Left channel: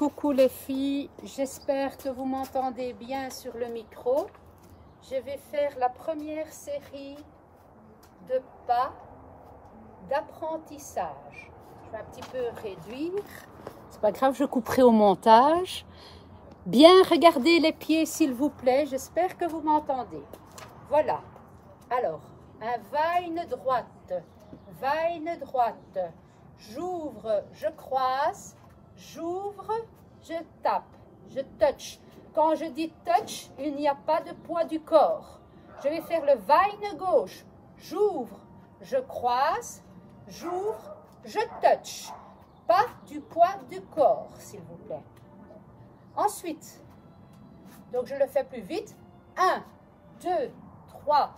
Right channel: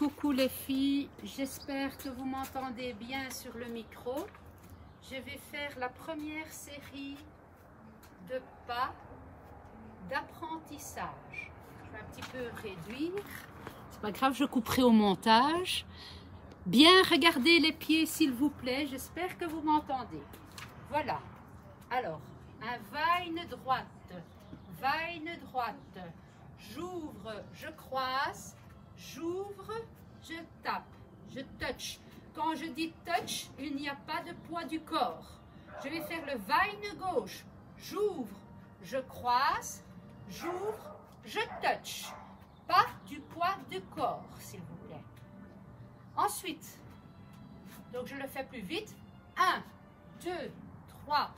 Coucou les filles, j'espère que vous m'entendez bien sur le micro. Je vais faire la première série de pas d'apprentissage. Je vais un petit peu réduire, c'est pas grave, je couperai au montage. Bien regarder les pieds s'il vous plaît, j'espère que vous m'entendez. Voilà, alors un va-une droite, j'ouvre, je croise, j'ouvre, je tape, je touch. Quand je dis touch, il n'y a pas de poids du corps. Je vais faire le va-une gauche, j'ouvre, je croise, j'ouvre, je touch. Pas du poids du corps, s'il vous plaît. Ensuite, donc je le fais plus vite. 1, 2, 3,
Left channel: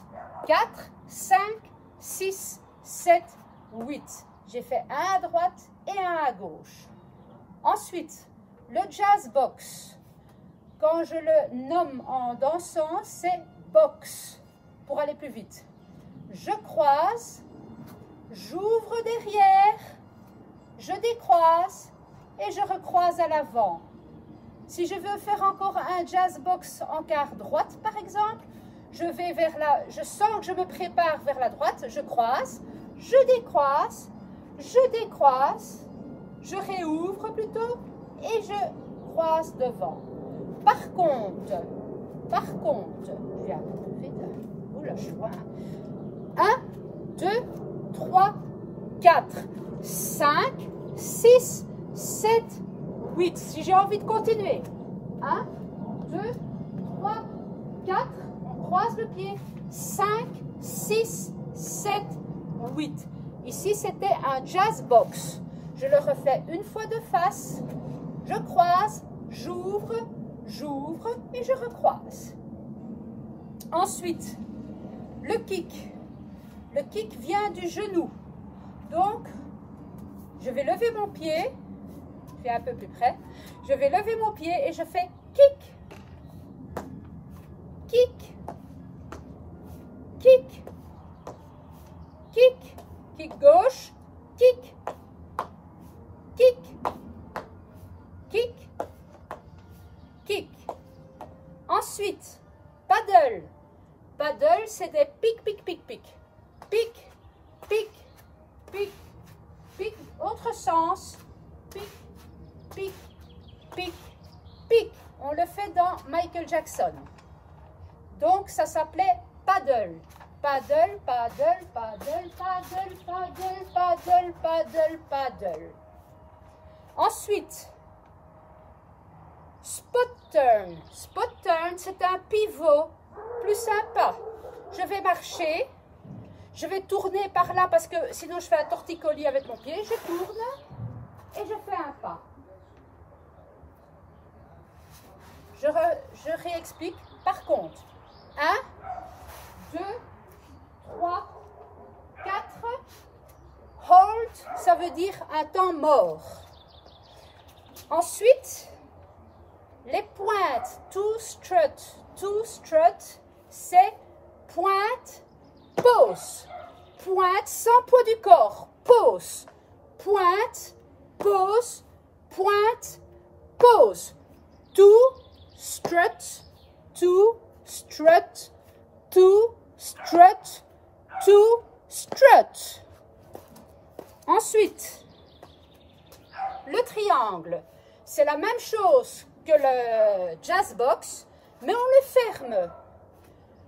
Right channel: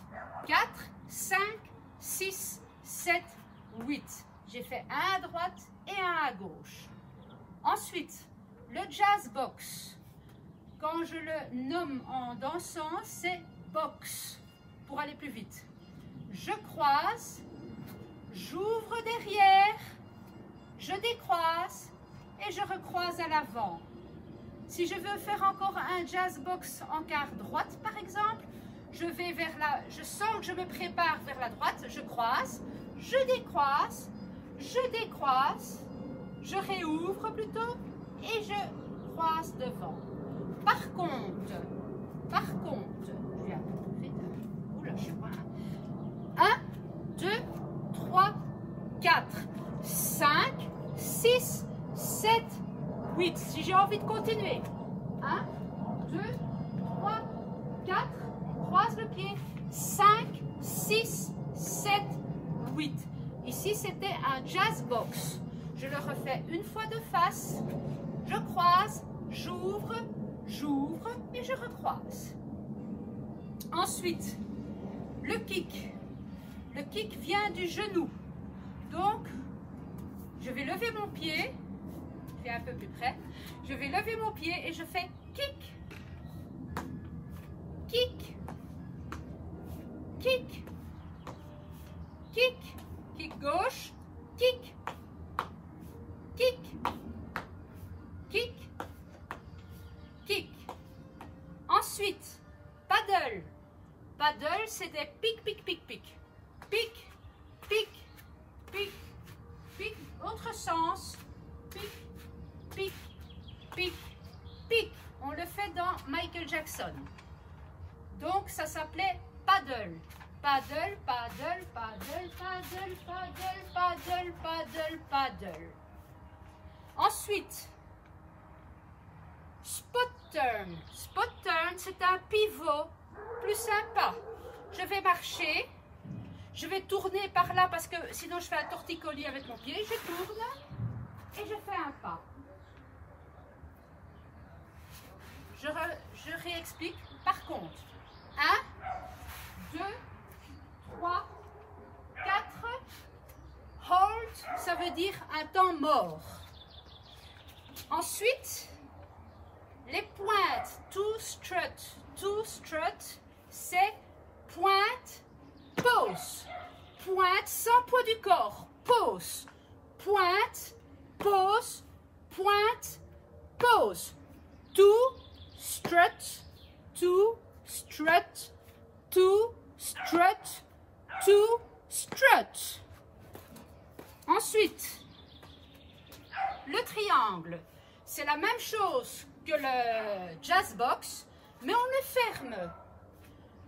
4, 5, 6, 7, 8. J'ai fait un à droite et un à gauche. Ensuite, le jazz box. Quand je le nomme en dansant, c'est box pour aller plus vite. Je croise, j'ouvre derrière, je décroise et je recroise à l'avant. Si je veux faire encore un jazz box en quart droite, par exemple, je vais vers la, je sens que je me prépare vers la droite, je croise, je décroise, je réouvre plutôt et je croise devant. Par contre, je vais un peu plus vite. Oula, je suis loin. 1, 2, 3, 4, 5, 6, 7, 8. Si j'ai envie de continuer. 1, 2, 3, 4, croise le pied. 5, 6, 7, 8. Ici, c'était un jazz box. Je le refais une fois de face. Je croise, j'ouvre et je recroise. Ensuite, le kick. Le kick vient du genou. Donc, je vais lever mon pied. Je vais un peu plus près. Je vais lever mon pied et je fais kick, kick, kick, kick, kick gauche, kick, kick, kick, kick. Ensuite, paddle. Paddle, c'est des pic, pic, pic, pic. Pic, pic, pic, pic. Autre sens. Pic, pic, pic, pic. On le fait dans Michael Jackson. Donc, ça s'appelait paddle. Paddle, paddle, paddle, paddle, paddle, paddle, paddle, paddle. Ensuite, spot turn. Spot turn, c'est un pivot plus sympa. Je vais marcher. Je vais tourner par là parce que sinon je fais un torticolis avec mon pied. Je tourne et je fais un pas. Je réexplique. Par contre, 1, 2, 3, 4. Hold, ça veut dire un temps mort. Ensuite, les pointes. To strut, c'est pointe, pause. Pointe sans poids du corps. Pause. Pointe, pause, pointe, pause. To strut, to strut, to strut, to strut. Ensuite, le triangle. C'est la même chose que le jazz box, mais on le ferme.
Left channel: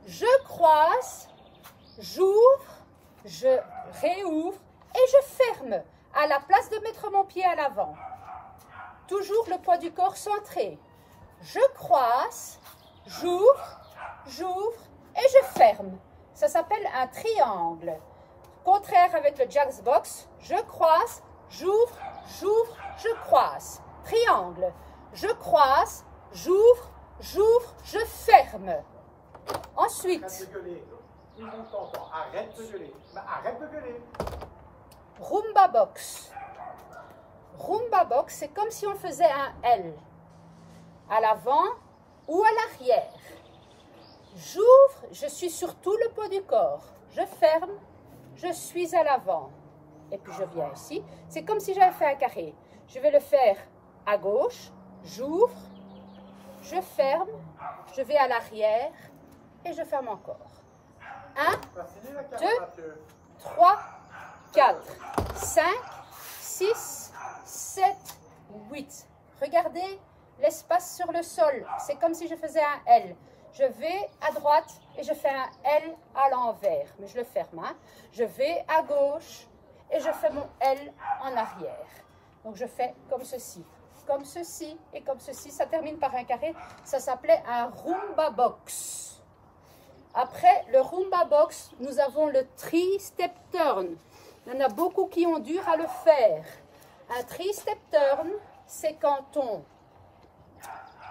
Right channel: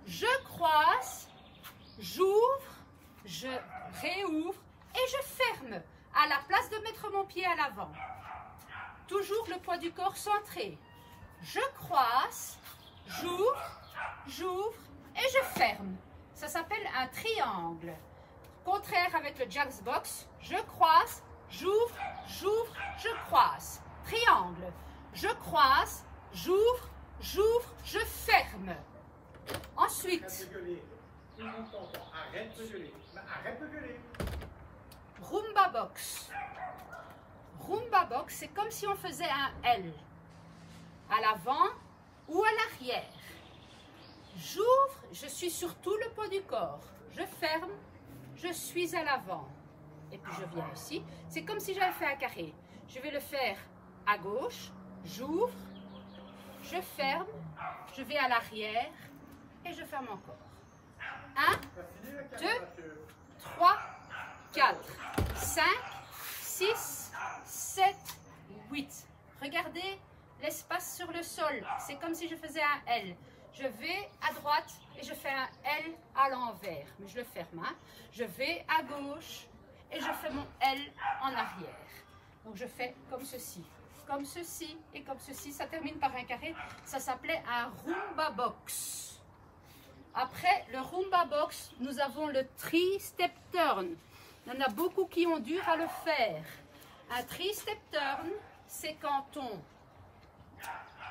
Je croise, j'ouvre, je réouvre et je ferme à la place de mettre mon pied à l'avant. Toujours le poids du corps centré. Je croise, j'ouvre et je ferme. Ça s'appelle un triangle. Contraire avec le jazz box, je croise, j'ouvre, je croise. Triangle. Je croise, j'ouvre, je ferme. Ensuite, Arrête de gueuler. Rumba box. Rumba box, c'est comme si on faisait un L. À l'avant ou à l'arrière. J'ouvre, je suis sur tout le poids du corps. Je ferme, je suis à l'avant. Et puis je viens ici. C'est comme si j'avais fait un carré. Je vais le faire à gauche, j'ouvre, je ferme, je vais à l'arrière et je ferme encore. 1, 2, 3, 4, 5, 6, 7, 8. Regardez l'espace sur le sol. C'est comme si je faisais un L. Je vais à droite et je fais un L à l'envers. Mais je le ferme. Hein. Je vais à gauche et je fais mon L en arrière. Donc je fais comme ceci et comme ceci. Ça termine par un carré. Ça s'appelait un Rumba Box. Après le Rumba Box, nous avons le Three-Step Turn. Il y en a beaucoup qui ont dur à le faire. Un Three-Step Turn, c'est quand on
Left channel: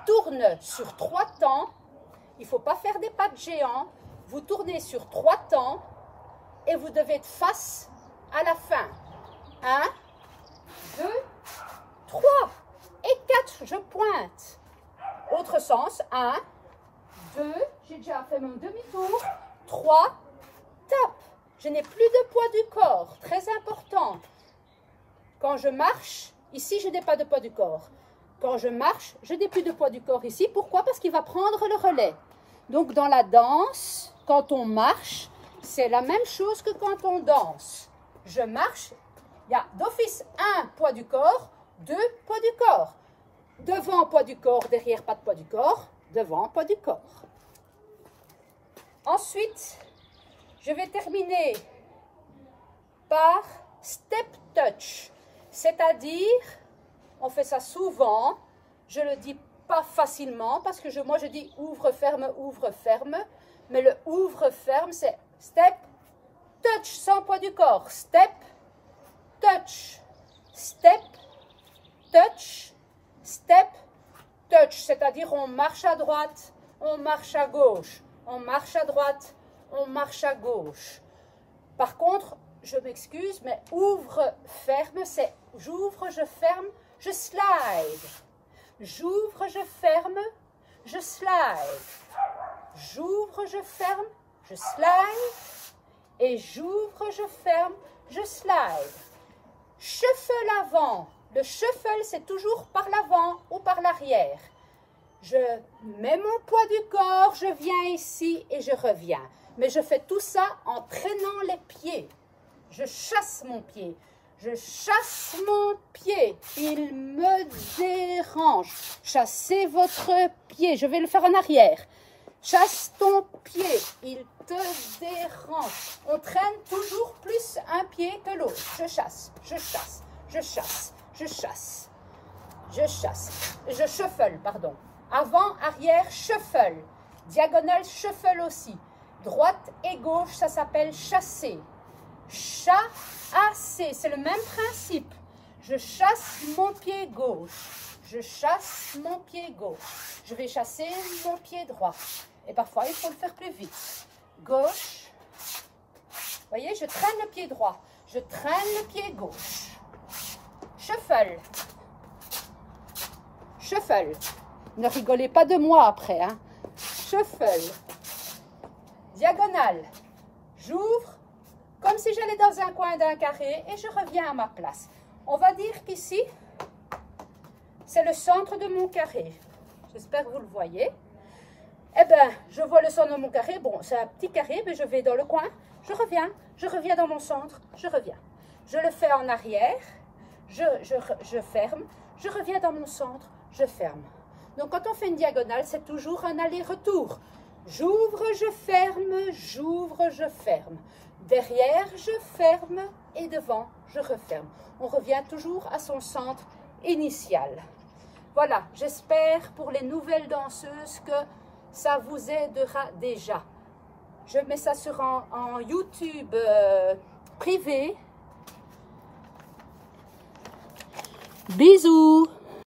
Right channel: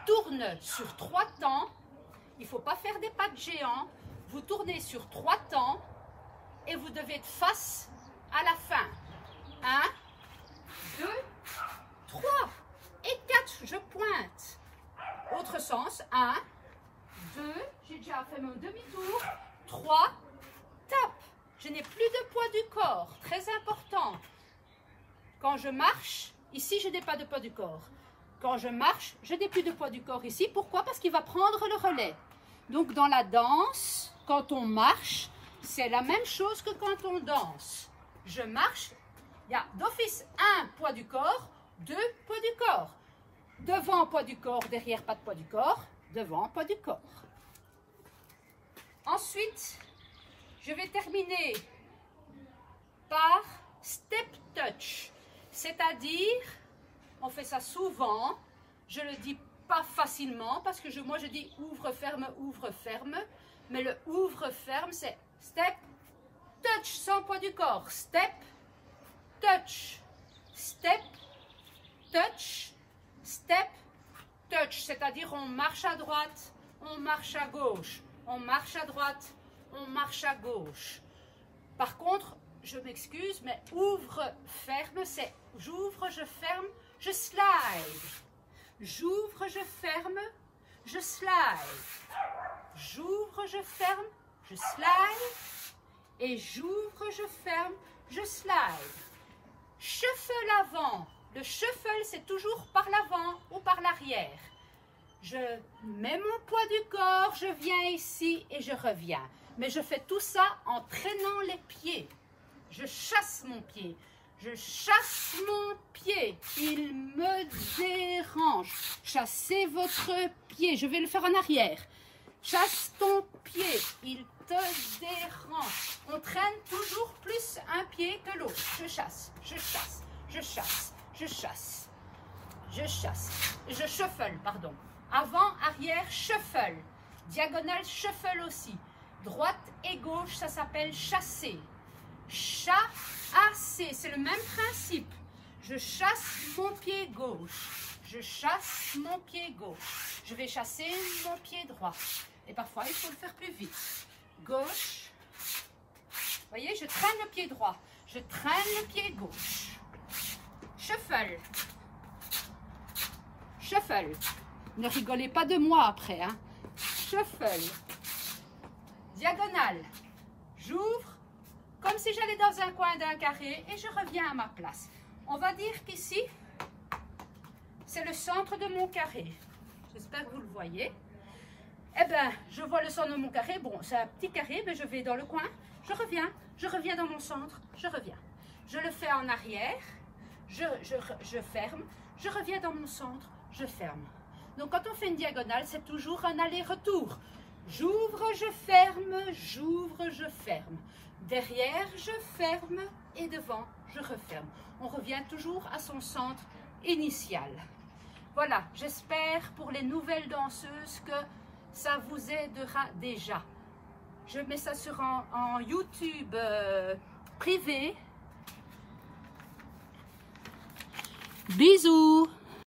tourne sur 3 temps. Il ne faut pas faire des pas de géant. Vous tournez sur 3 temps et vous devez être face à la fin. 1, 2, 3 et 4, je pointe. Autre sens, 1, 2, j'ai déjà fait mon demi-tour, 3, tape. Je n'ai plus de poids du corps, très important. Quand je marche, ici je n'ai pas de poids du corps. Quand je marche, je n'ai plus de poids du corps ici. Pourquoi? Parce qu'il va prendre le relais. Donc dans la danse, quand on marche, c'est la même chose que quand on danse. Je marche, il y a d'office 1 poids du corps, 2 poids du corps. Devant poids du corps, derrière pas de poids du corps, devant poids du corps. Ensuite, je vais terminer par step touch. C'est-à-dire, on fait ça souvent, je le dis pas facilement parce que moi je dis ouvre, ferme, mais le ouvre, ferme c'est step, touch sans poids du corps, step, touch, touch, step, touch, c'est-à-dire on marche à droite, on marche à gauche, on marche à droite, on marche à gauche. Par contre, je m'excuse, mais ouvre, ferme, c'est j'ouvre, je ferme, je slide. J'ouvre, je ferme, je slide. J'ouvre, je ferme, je slide. Et j'ouvre, je ferme, je slide. Shuffle avant. Le shuffle, c'est toujours par l'avant ou par l'arrière. Je mets mon poids du corps, je viens ici et je reviens. Mais je fais tout ça en traînant les pieds. Je chasse mon pied. Je chasse mon pied. Il me dérange. Chassez votre pied. Je vais le faire en arrière. Chasse ton pied. Il te dérange. On traîne toujours plus un pied que l'autre. Je chasse, je chasse, je chasse, je chasse, je chasse. Je shuffle, pardon. Avant, arrière, shuffle. Diagonale, shuffle aussi. Droite et gauche, ça s'appelle chasser. Chasser, c'est le même principe. Je chasse mon pied gauche. Je chasse mon pied gauche. Je vais chasser mon pied droit. Et parfois, il faut le faire plus vite. Gauche. Vous voyez, je traîne le pied droit. Je traîne le pied gauche. Shuffle. Shuffle. Ne rigolez pas de moi après. Hein. Shuffle. Diagonale. J'ouvre comme si j'allais dans un coin d'un carré et je reviens à ma place. On va dire qu'ici, c'est le centre de mon carré. J'espère que vous le voyez. Eh bien, je vois le centre de mon carré. Bon, c'est un petit carré, mais je vais dans le coin. Je reviens dans mon centre, je reviens. Je le fais en arrière, je ferme, je reviens dans mon centre, je ferme. Donc, quand on fait une diagonale, c'est toujours un aller-retour. J'ouvre, je ferme, j'ouvre, je ferme. Derrière, je ferme et devant, je referme. On revient toujours à son centre initial. Voilà, j'espère pour les nouvelles danseuses que ça vous aidera déjà. Je mets ça sur en YouTube privé. Bisous!